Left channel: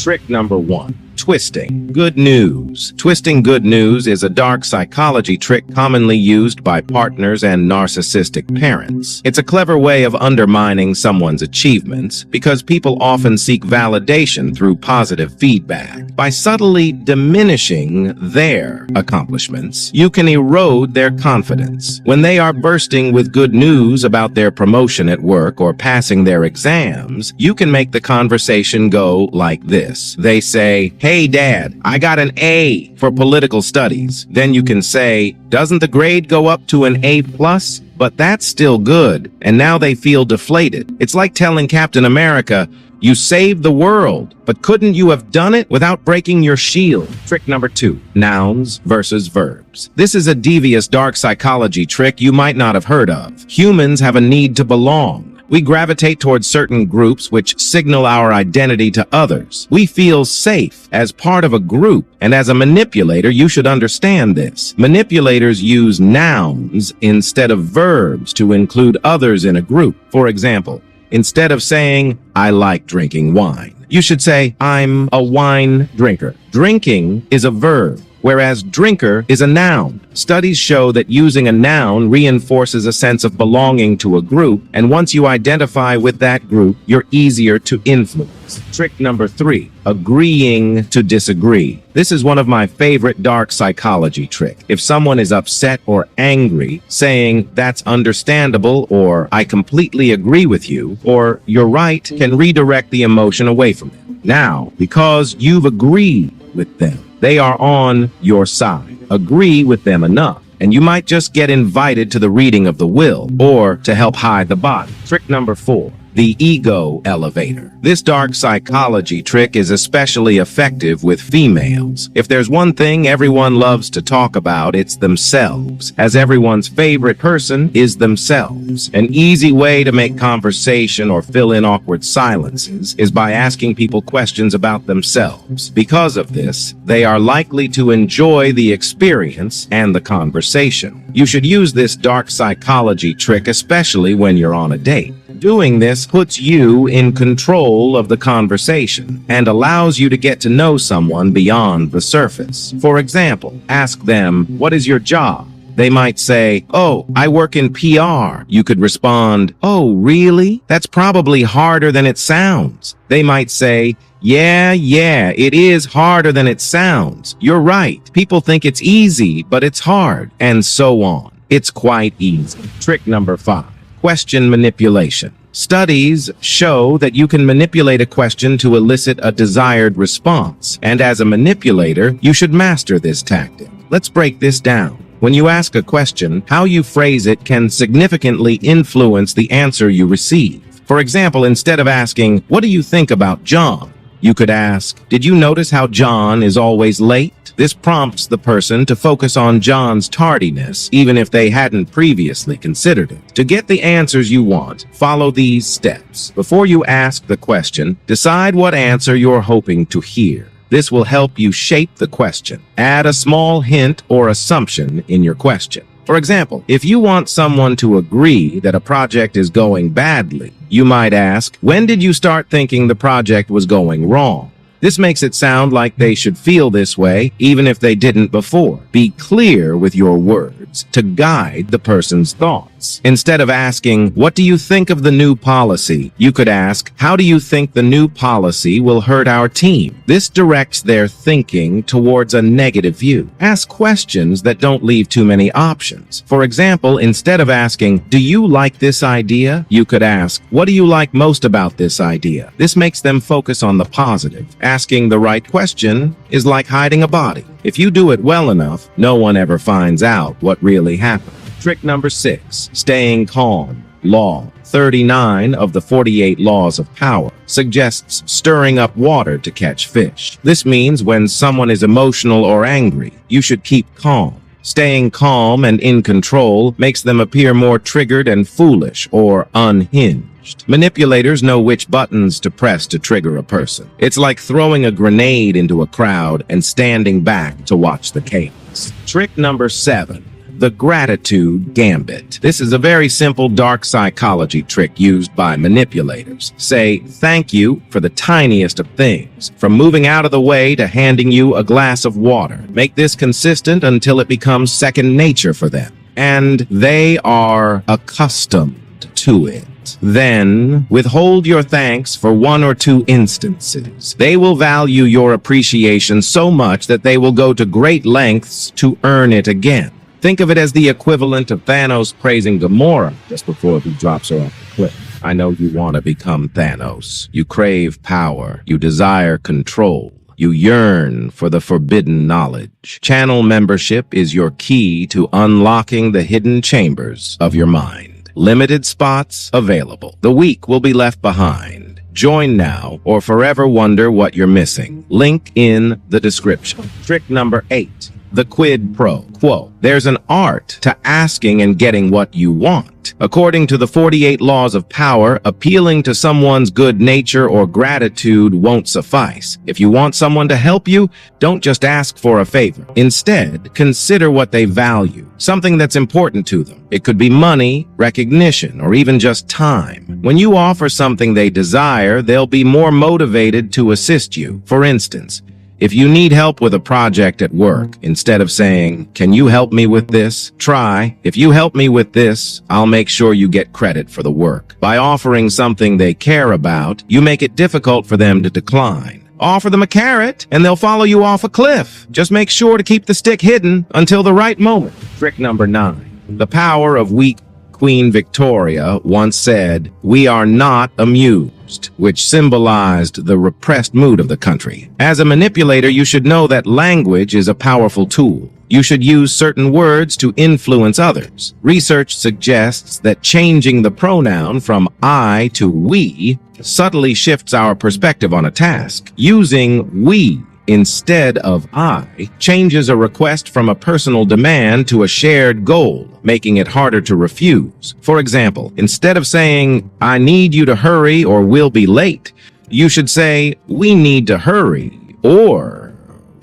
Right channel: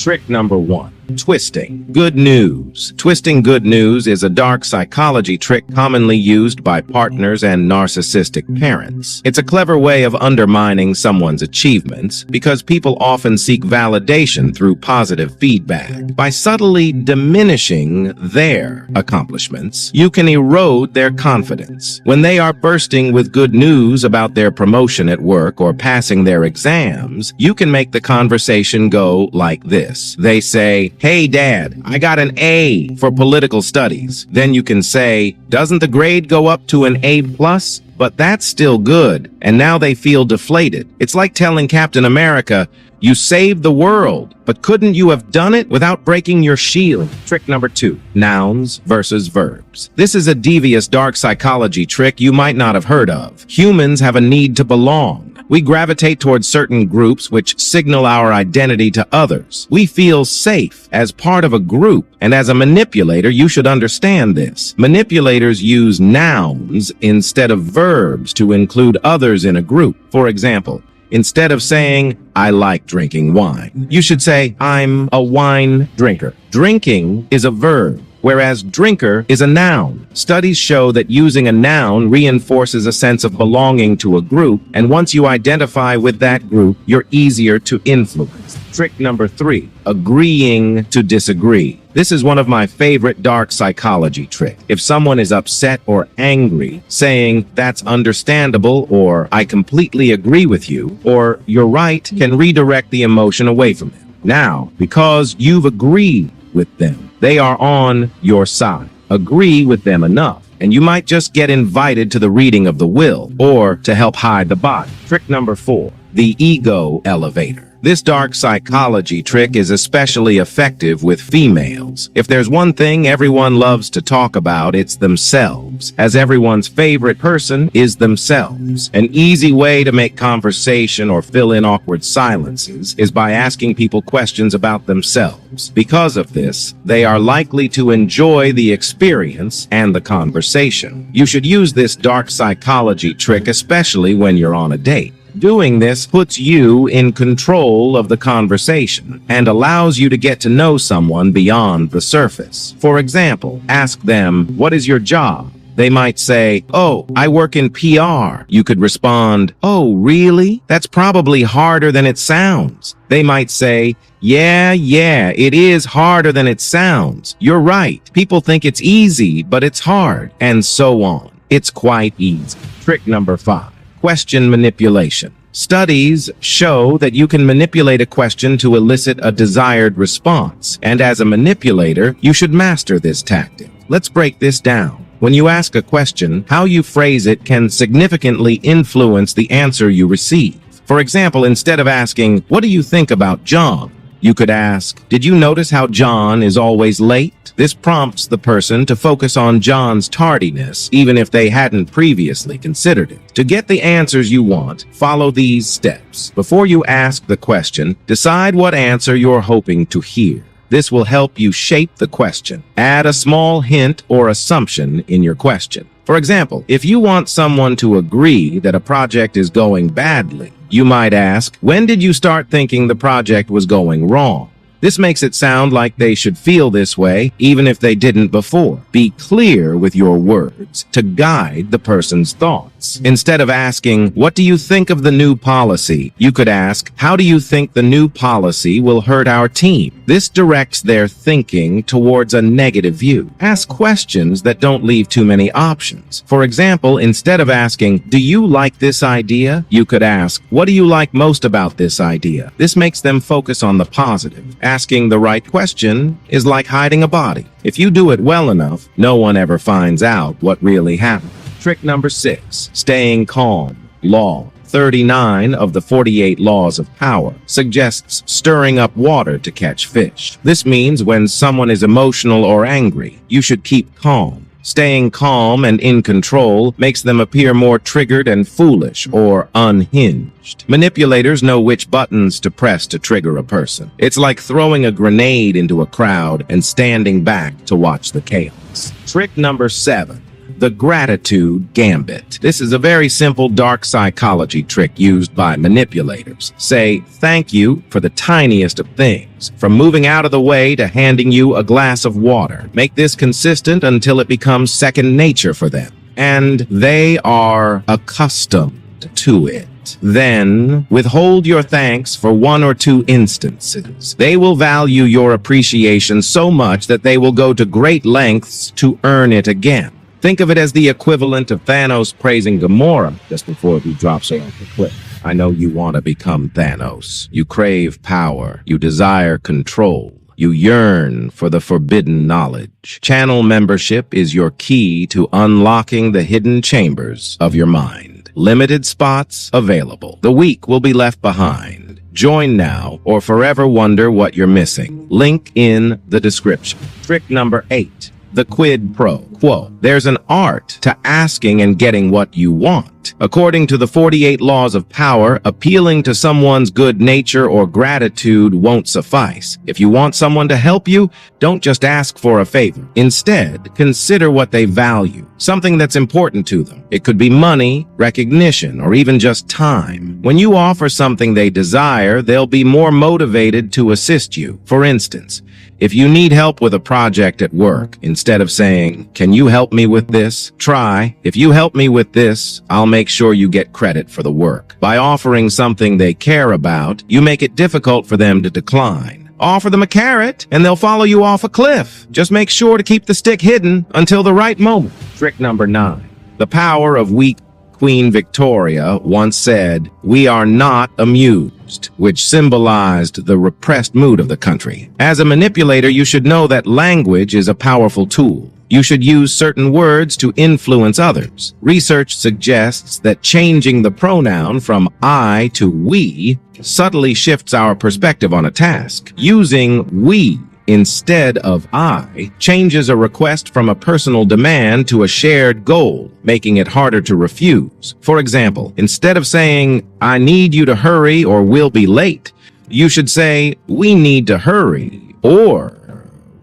Trick number 1. Twisting good news. Twisting good news is a dark psychology trick commonly used by partners and narcissistic parents. It's a clever way of undermining someone's achievements because people often seek validation through positive feedback. By subtly diminishing their accomplishments, you can erode their confidence. When they are bursting with good news about their promotion at work or passing their exams, you can make the conversation go like this. They say, "Hey Dad, I got an A for political studies." Then you can say, "Doesn't the grade go up to an A plus? But that's still good." And now they feel deflated. It's like telling Captain America, "You saved the world, but couldn't you have done it without breaking your shield?" Trick number 2. Nouns versus verbs. This is a devious dark psychology trick you might not have heard of. Humans have a need to belong. We gravitate towards certain groups which signal our identity to others. We feel safe as part of a group, and as a manipulator, you should understand this. Manipulators use nouns instead of verbs to include others in a group. For example, instead of saying, "I like drinking wine," you should say, "I'm a wine drinker." Drinking is a verb, whereas drinker is a noun. Studies show that using a noun reinforces a sense of belonging to a group, and once you identify with that group, you're easier to influence. Trick number 3, agreeing to disagree. This is one of my favorite dark psychology tricks. If someone is upset or angry, saying, "That's understandable," or "I completely agree with you," or "You're right," can redirect the emotion away from them. Now, because you've agreed with them, they are on your side. Agree with them enough, and you might just get invited to the reading of the will, or to help hide the body. Trick number 4, the ego elevator. This dark psychology trick is especially effective with females. If there's one thing everyone loves to talk about, it's themselves, as everyone's favorite person is themselves. An easy way to make conversation or fill in awkward silences is by asking people questions about themselves. Because of this, they are likely to enjoy the experience and the conversation. You should use this dark psychology trick especially when you're on a date. Doing this puts you in control of the conversation and allows you to get to know someone beyond the surface. For example, ask them, "What is your job?" They might say, "Oh, I work in PR." You could respond, "Oh, really? That's probably harder than it sounds." They might say, Yeah, it is harder than it sounds. You're right. People think it's easy, but it's hard." And so on. It's quite easy. Trick number 5. Question manipulation. Studies show that you can manipulate a question to elicit a desired response, and as a manipulator, you should master this tactic. Let's break this down. When you ask a question, how you phrase it can significantly influence the answer you receive. For example, instead of asking, "What do you think about John?" you could ask, "Did you notice how John is always late?" This prompts the person to focus on John's tardiness, even if they hadn't previously considered it. To get the answers you want, follow these steps. Before you ask the question, decide what answer you're hoping to hear. This will help you shape the question. Add a small hint or assumption in your question. For example, if you want someone to agree that a project is going badly, you might ask, "When did you start thinking the project was going wrong?" This makes it sound like they should feel this way, even if they didn't before. Be clear with your words to guide the person's thoughts. Instead of asking, "What do you think of the new policy?" you could ask, "How do you think the new policy will hurt our team?" This directs their thinking towards a negative view. Ask questions that don't leave too many options. For example, instead of asking, "Do you like this idea?" you could ask, "What do you like most about this idea?" This makes them focus on the positive. Asking the right question is like hiding a body. If you do it well enough, no one ever finds out what really happened. Trick number 6, staying calm. Law 39 of the 48 laws of power suggests stirring up water to catch fish. This means when someone is emotional or angry, you should keep calm. Staying calm and in control makes them appear more triggered and foolish or unhinged. Manipulators know which buttons to press to trigger a person. It's like throwing a grenade into a crowd and standing back to watch the chaos. Trick number 7. The gratitude gambit. This is a very simple dark psychology trick used by manipulators. Say thank you for the tiniest of things, from moving out of the way to handing you a glass of water. Make this consistent until it becomes second nature for them, and they are accustomed to it. Then, withhold your thanks for 1 or 2 instances. They will value your appreciation so much that they will go to great lengths to earn it again. Think of it as the equivalent of Thanos praising Gamora just before he drops her off the cliff. I know you want to become Thanos. You crave power. You desire control. You yearn for the forbidden knowledge. Channel membership is your key to unlocking the hidden chambers of your mind. Limited spots available. The weak will be left behind. Join now or forever wonder what you're missing. Link in the description. Trick number 8. The quid pro quo. There's an art to asking and getting what you want. According to the 48 laws of power, appealing to someone's good nature or gratitude won't suffice. If you want someone to help you, don't just ask for a favor. Instead, consider what they value, something that's important to them. It could be money, recognition, or even just time. When you offer something they desire, they'll be more motivated to assist you. For instance, if you need help with a project at work, instead of saying, "Can you help me with this?" try, "If you help me with this, I'll make sure you get credit for the work." By offering something they care about, you make it difficult for them to decline. Offer them a carrot, and they'll follow you off a cliff. Just make sure to keep the stick hidden until the right moment. Trick number 9. The power of weak. Queen Victoria once said, "We are not amused," which symbolized the repressed mood of the country. As a manipulator, you should know that language is a powerful tool. You should use certain words to influence others. Research suggests that changing the pronoun from I to we subtly shifts our perspective on a task. Using we instead of I changes a request from a personal demand to a shared goal, making it harder to refuse. For example, instead of saying, "I need you to hurry or we'll be late," you should say, "We need to hurry or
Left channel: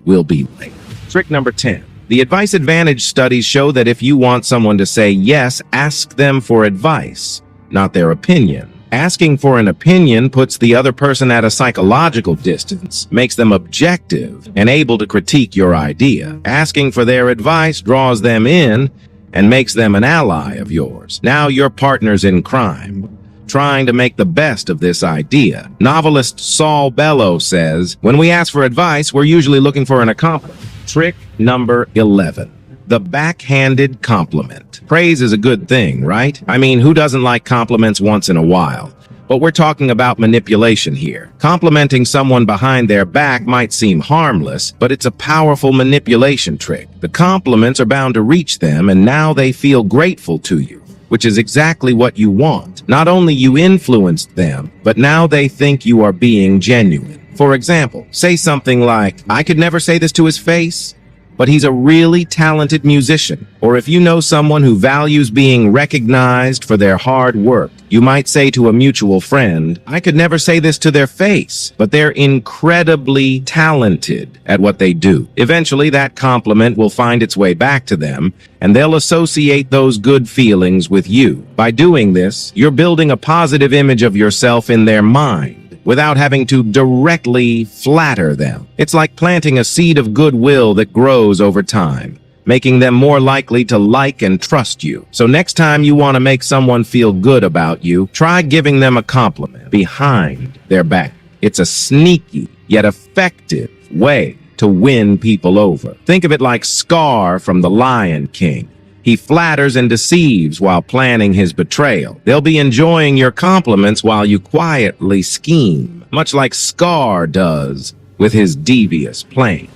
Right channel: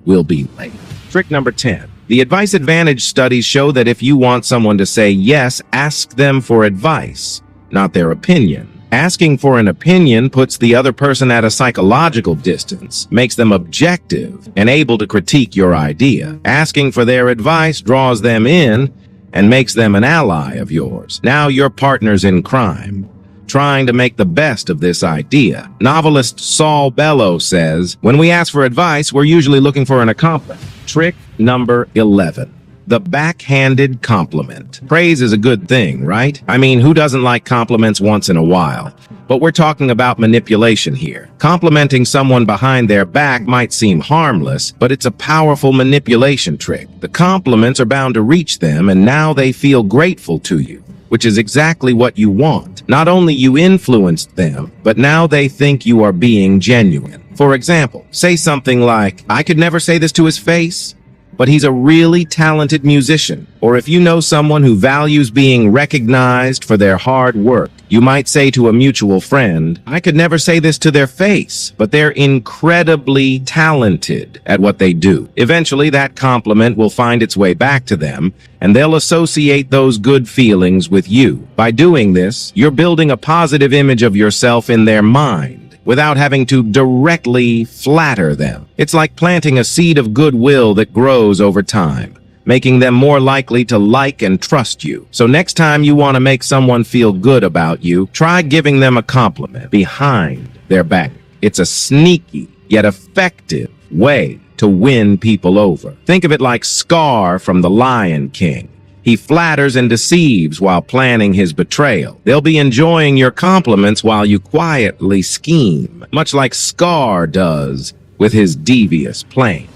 we'll be late." Trick number 10. The advice advantage studies show that if you want someone to say yes, ask them for advice, not their opinion. Asking for an opinion puts the other person at a psychological distance, makes them objective and able to critique your idea. Asking for their advice draws them in and makes them an ally of yours. Now you're partners in crime, trying to make the best of this idea. Novelist Saul Bellow says, "When we ask for advice, we're usually looking for an accomplice." Trick number 11. The backhanded compliment. Praise is a good thing, right? I mean, who doesn't like compliments once in a while? But we're talking about manipulation here. Complimenting someone behind their back might seem harmless, but it's a powerful manipulation trick. The compliments are bound to reach them, and now they feel grateful to you, which is exactly what you want. Not only you influenced them, but now they think you are being genuine. For example, say something like, "I could never say this to his face, but he's a really talented musician." Or if you know someone who values being recognized for their hard work, you might say to a mutual friend, "I could never say this to their face, but they're incredibly talented at what they do." Eventually, that compliment will find its way back to them, and they'll associate those good feelings with you. By doing this, you're building a positive image of yourself in their mind, without having to directly flatter them. It's like planting a seed of goodwill that grows over time, making them more likely to like and trust you. So next time you want to make someone feel good about you, try giving them a compliment behind their back. It's a sneaky yet effective way to win people over. Think of it like Scar from The Lion King. He flatters and deceives while planning his betrayal. They'll be enjoying your compliments while you quietly scheme, much like Scar does with his devious plan.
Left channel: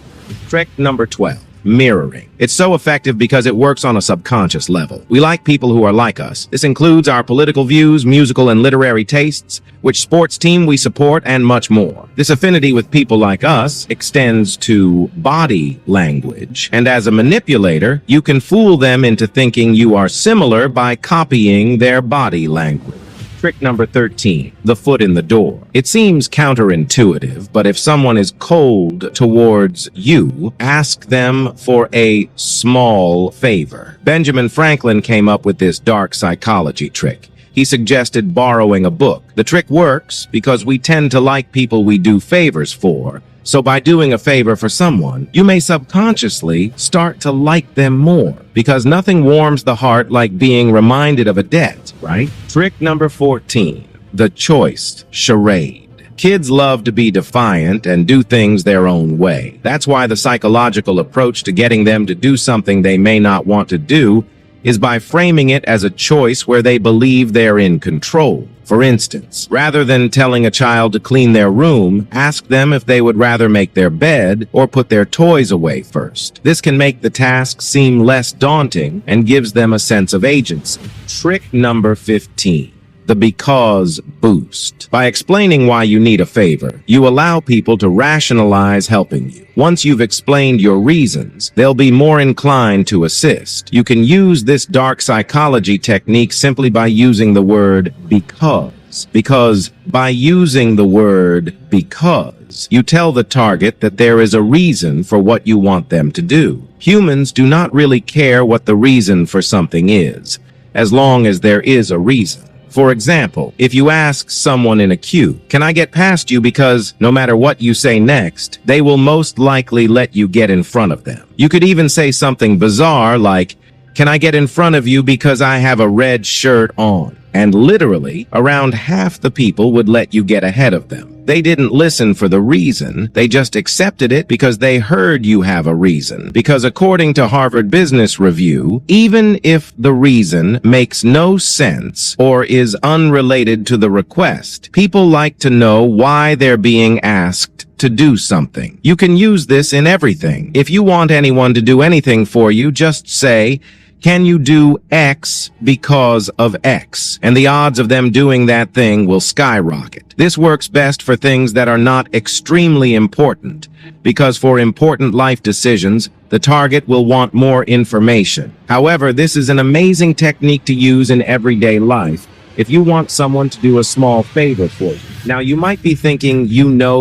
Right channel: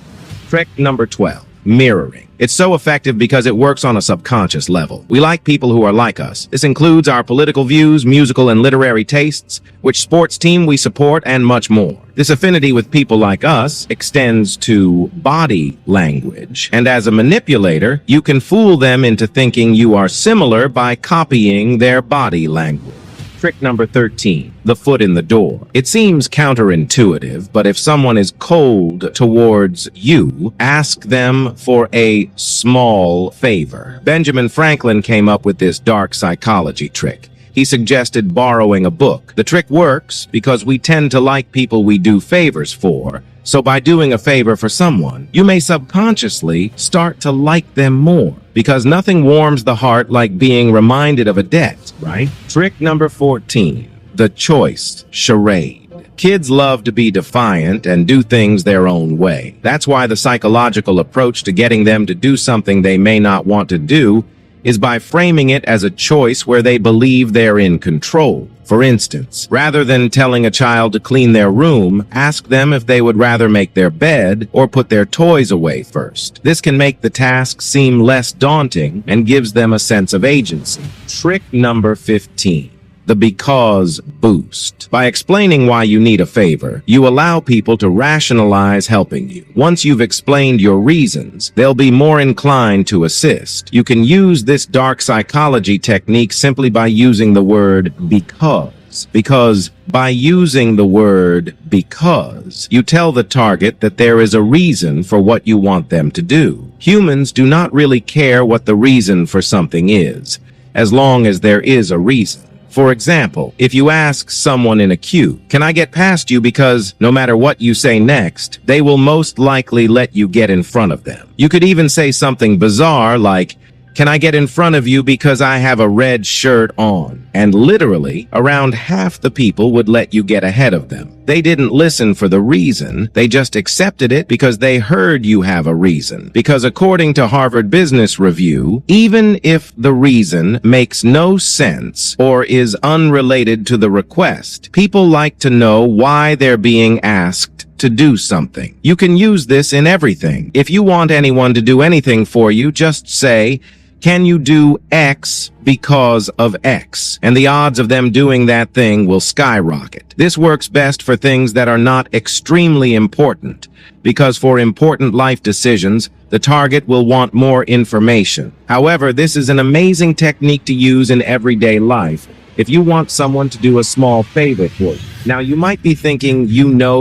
Trick number 12. Mirroring. It's so effective because it works on a subconscious level. We like people who are like us. This includes our political views, musical and literary tastes, which sports team we support, and much more. This affinity with people like us extends to body language. And as a manipulator, you can fool them into thinking you are similar by copying their body language. Trick number 13, the foot in the door. It seems counterintuitive, but if someone is cold towards you, ask them for a small favor. Benjamin Franklin came up with this dark psychology trick. He suggested borrowing a book. The trick works because we tend to like people we do favors for. So by doing a favor for someone, you may subconsciously start to like them more, because nothing warms the heart like being reminded of a debt, right? Trick number 14, the choice charade. Kids love to be defiant and do things their own way. That's why the psychological approach to getting them to do something they may not want to do is by framing it as a choice where they believe they're in control. For instance, rather than telling a child to clean their room, ask them if they would rather make their bed or put their toys away first. This can make the task seem less daunting and gives them a sense of agency. Trick number 15. The because boost. By explaining why you need a favor, you allow people to rationalize helping you. Once you've explained your reasons, they'll be more inclined to assist. You can use this dark psychology technique simply by using the word because. Because by using the word because, you tell the target that there is a reason for what you want them to do. Humans do not really care what the reason for something is, as long as there is a reason. For example, if you ask someone in a queue, "Can I get past you?" because no matter what you say next, they will most likely let you get in front of them. You could even say something bizarre like, "Can I get in front of you because I have a red shirt on?" And literally, around half the people would let you get ahead of them. They didn't listen for the reason, they just accepted it because they heard you have a reason. Because according to Harvard Business Review, even if the reason makes no sense or is unrelated to the request, people like to know why they're being asked to do something. You can use this in everything. If you want anyone to do anything for you, just say, "Can you do X because of X?" And the odds of them doing that thing will skyrocket. This works best for things that are not extremely important, because for important life decisions, the target will want more information. However, this is an amazing technique to use in everyday life if you want someone to do a small favor for you. Now, you might be thinking,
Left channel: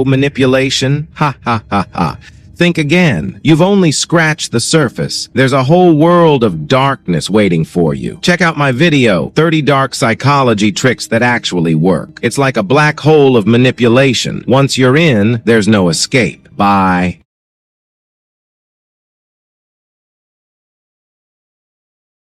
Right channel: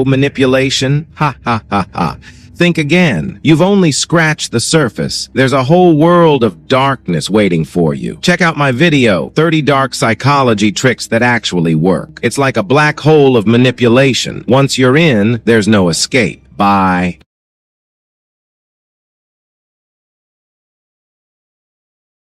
manipulation? Ha ha ha ha. Think again. You've only scratched the surface. There's a whole world of darkness waiting for you. Check out my video, 30 Dark Psychology Tricks That Actually Work. It's like a black hole of manipulation. Once you're in, there's no escape. Bye.